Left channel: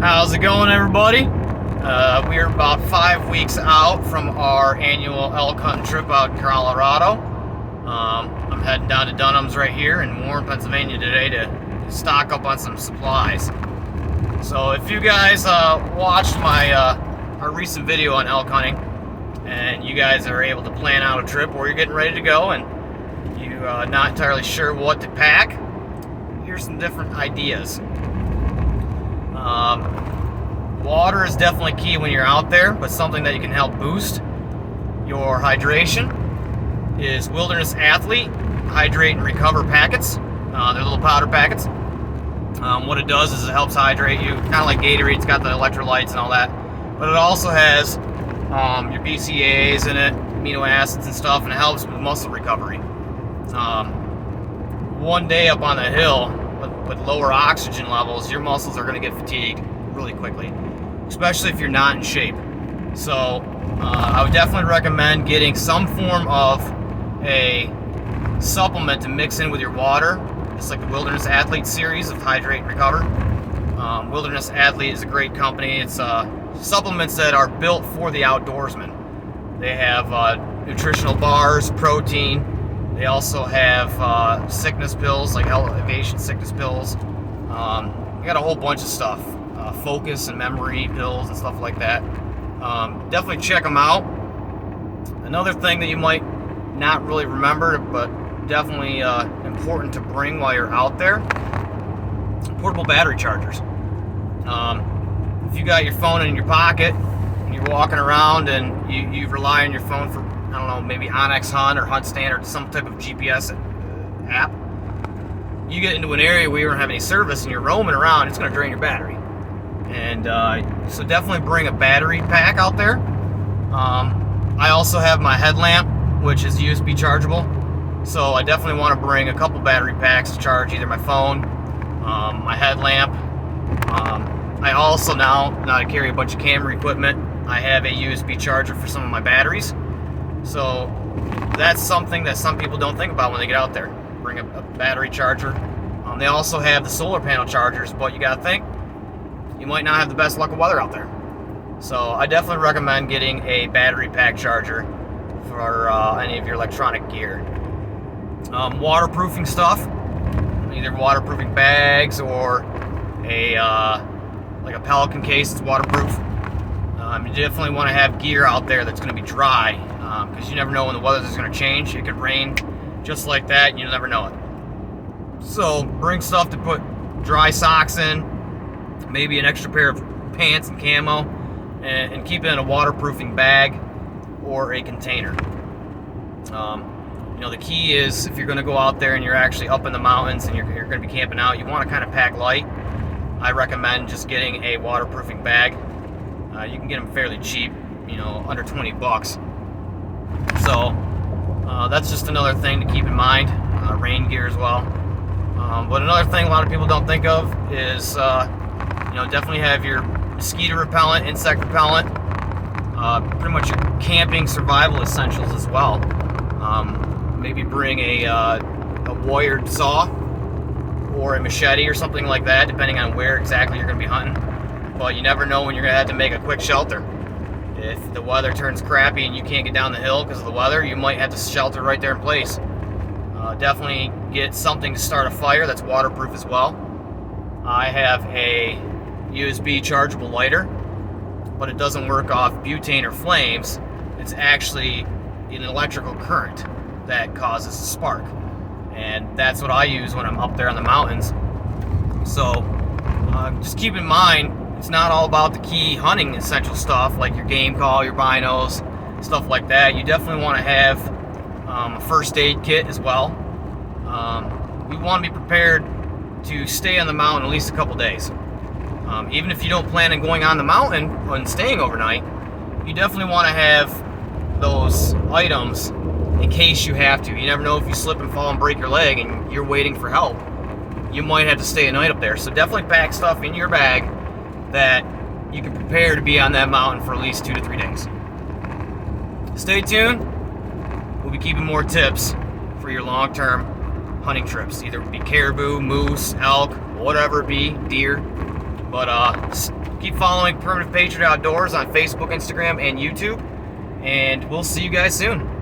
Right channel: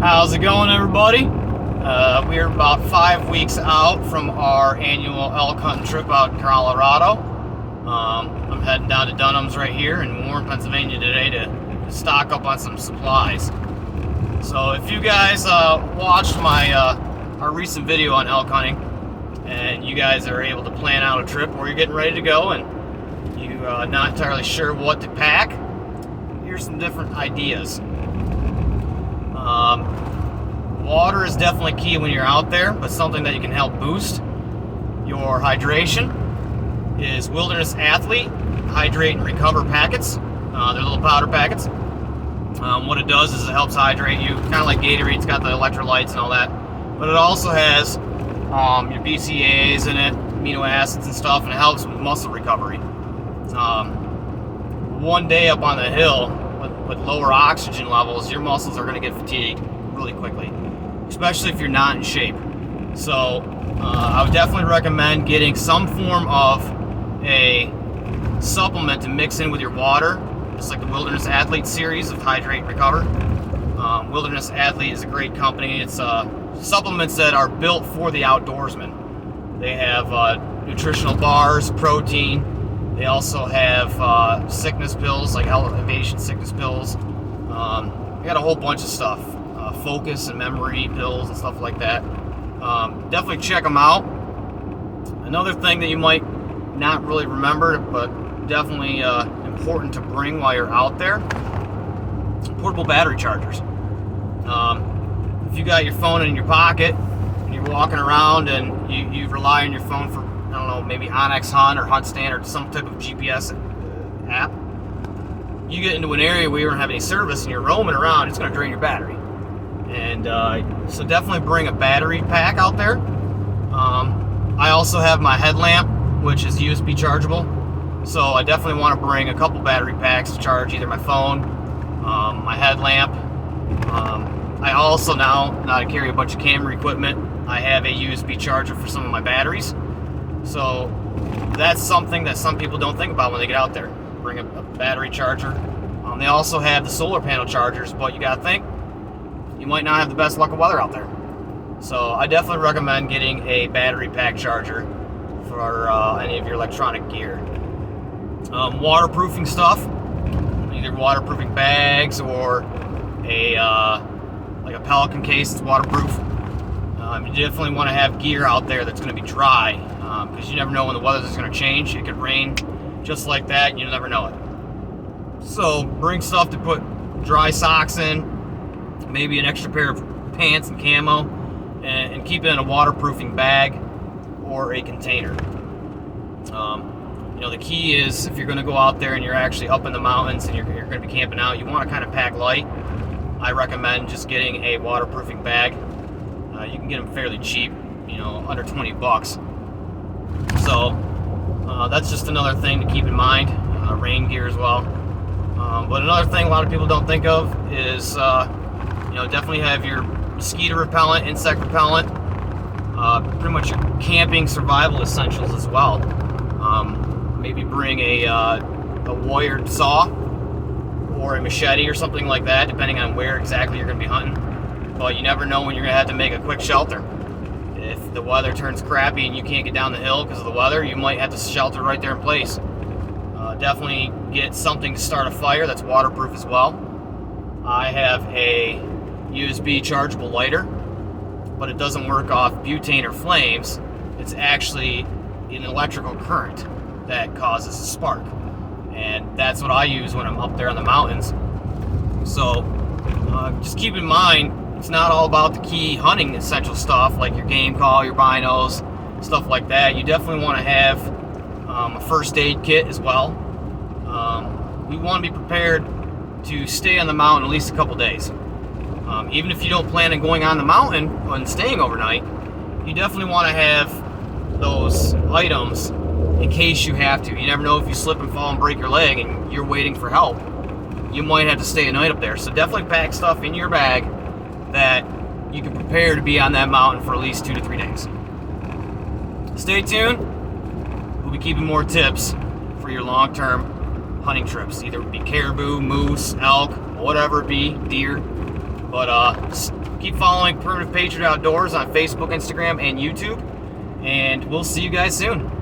How's it going, everybody? We're about 5 weeks out from our annual elk hunting trip out in Colorado. I'm heading down to Dunham's right here in Warren, Pennsylvania today to stock up on some supplies. So if you guys watched our recent video on elk hunting and you guys are able to plan out a trip or you're getting ready to go and you're not entirely sure what to pack, here's some different ideas. Water is definitely key when you're out there, but something that you can help boost your hydration is Wilderness Athlete Hydrate and Recover packets. They're little powder packets. What it does is it helps hydrate you, kind of like Gatorade. It's got the electrolytes and all that, but it also has your BCAAs in it, amino acids and stuff, and it helps with muscle recovery. One day up on the hill with lower oxygen levels, your muscles are going to get fatigued really quickly, especially if you're not in shape. So I would definitely recommend getting some form of a supplement to mix in with your water. It's like the Wilderness Athlete series of Hydrate and Recover. Wilderness Athlete is a great company. It's supplements that are built for the outdoorsman. They have nutritional bars, protein. They also have sickness pills, like elevation sickness pills. They got a whole bunch of stuff. Focus and memory pills and stuff like that. Definitely check them out. Another thing that you might not really remember, but definitely important to bring while you're out there: portable battery chargers. If you got your phone in your pocket and you're walking around and you rely on your phone for, I don't know, maybe Onyx Hunt or Hunt Stand or some type of GPS app, you get into an area where you don't have any service and you're roaming around, it's going to drain your battery. And so definitely bring a battery pack out there. I also have my headlamp, which is USB chargeable, so I definitely want to bring a couple battery packs to charge either my phone, my headlamp. I also now to carry a bunch of camera equipment, I have a USB charger for some of my batteries. So that's something that some people don't think about when they get out there. Bring a battery charger. They also have the solar panel chargers, but you gotta think, you might not have the best luck of weather out there. So I definitely recommend getting a battery pack charger for any of your electronic gear. Waterproofing stuff, either waterproofing bags or like a Pelican case that's waterproof. You definitely want to have gear out there that's going to be dry, because you never know when the weather is going to change. It could rain just like that, and you'll never know it. So bring stuff to put dry socks in, maybe an extra pair of pants and camo, and keep it in a waterproofing bag or a container. The key is, if you're going to go out there and you're actually up in the mountains and you're going to be camping out, you want to kind of pack light. I recommend just getting a waterproofing bag. You can get them fairly cheap, under 20 bucks. So that's just another thing to keep in mind. Rain gear as well. But another thing a lot of people don't think of is definitely have your mosquito repellent, insect repellent, pretty much your camping survival essentials as well. Maybe bring a wired saw or a machete or something like that, depending on where exactly you're going to be hunting. But you never know when you're going to have to make a quick shelter. If the weather turns crappy and you can't get down the hill because of the weather, you might have to shelter right there in place. Definitely get something to start a fire that's waterproof as well. I have a USB chargeable lighter, but it doesn't work off butane or flames. It's actually an electrical current that causes a spark, and that's what I use when I'm up there in the mountains. So just keep in mind, it's not all about the key hunting essential stuff like your game call, your binos, stuff like that. You definitely want to have a first aid kit as well. We want to be prepared to stay on the mountain at least a couple days. Even if you don't plan on going on the mountain and staying overnight, you definitely want to have those items in case you have to. You never know, if you slip and fall and break your leg and you're waiting for help, you might have to stay a night up there. So definitely pack stuff in your bag that you can prepare to be on that mountain for at least 2 to 3 days. Stay tuned. We'll be keeping more tips for your long-term hunting trips. Either it be caribou, moose, elk, whatever it be, deer. But just keep following Primitive Patriot Outdoors on Facebook, Instagram, and YouTube. And we'll see you guys soon.